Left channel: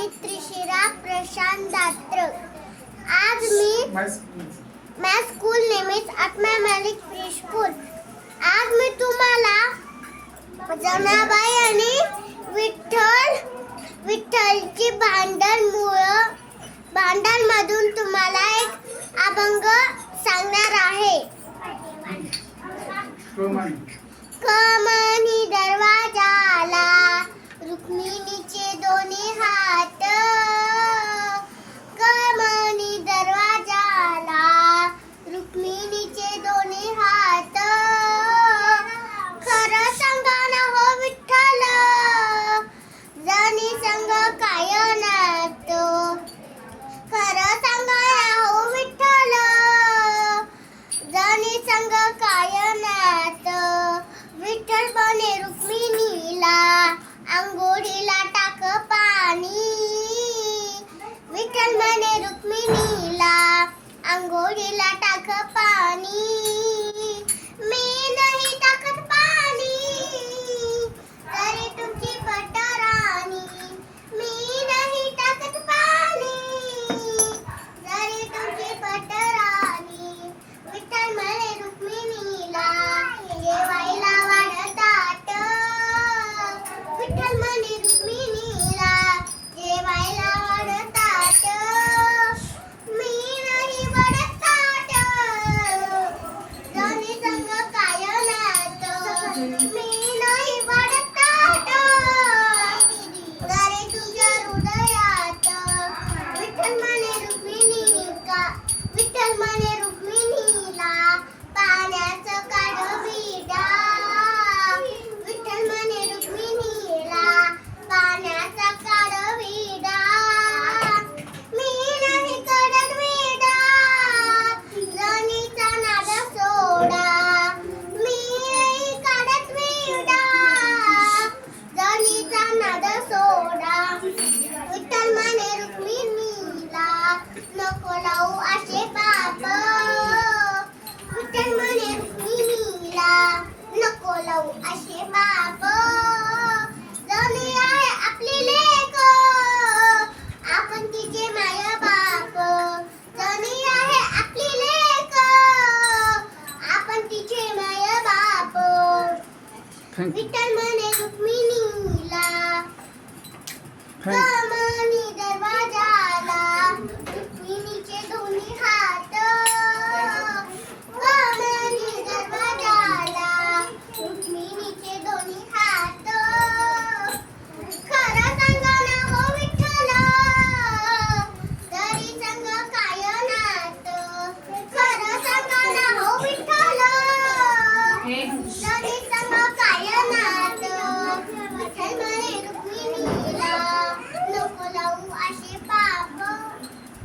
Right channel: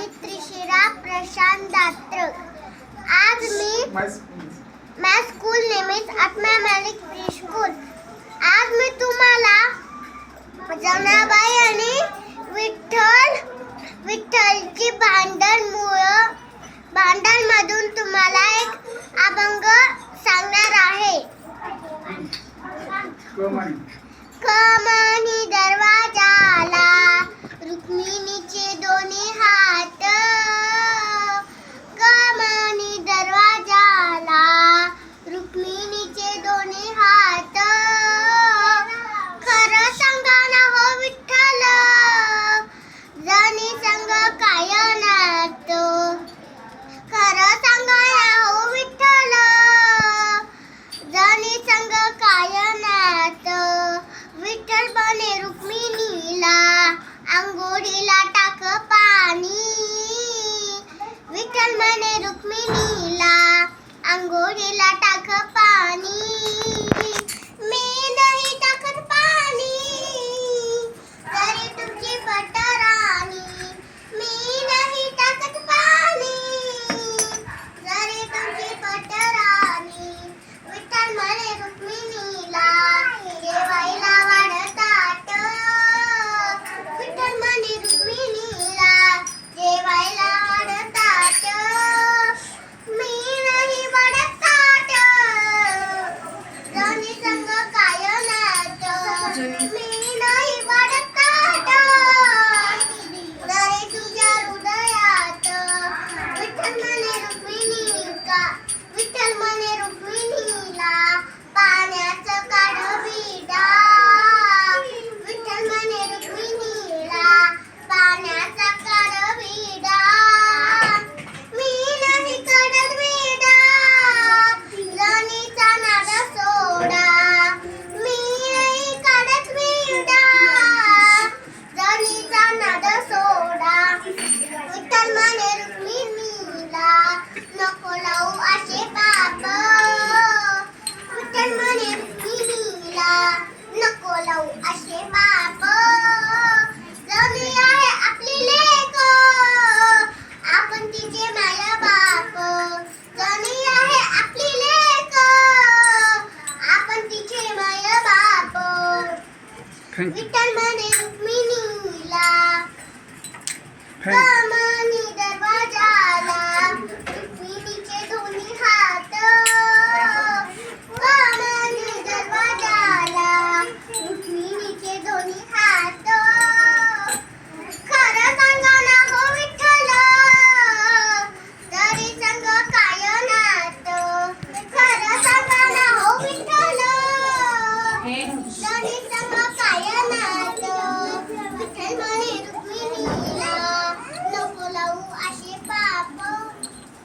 मी त्रिशिरा प्रशांत दात्र. आज मी माझ्या स्कूल नेहमीच आत्मा मॅलिक प्री आज मी तुम्हाला जनाबाई आणि विठ्ठल विठ्ठलची भांडण मूळ भांडण मधून तुम्हाला एक अभंग सांगणार आहे. कमळ ओढीला टाक पाणी नको लावू. असे बाप जणी आहे आपली लेक आपण तिचे माया बाप. जणी आहे आपली लेक आपण तिचे माया बाप. विठ्ठल म्हणे रुक्मिणीला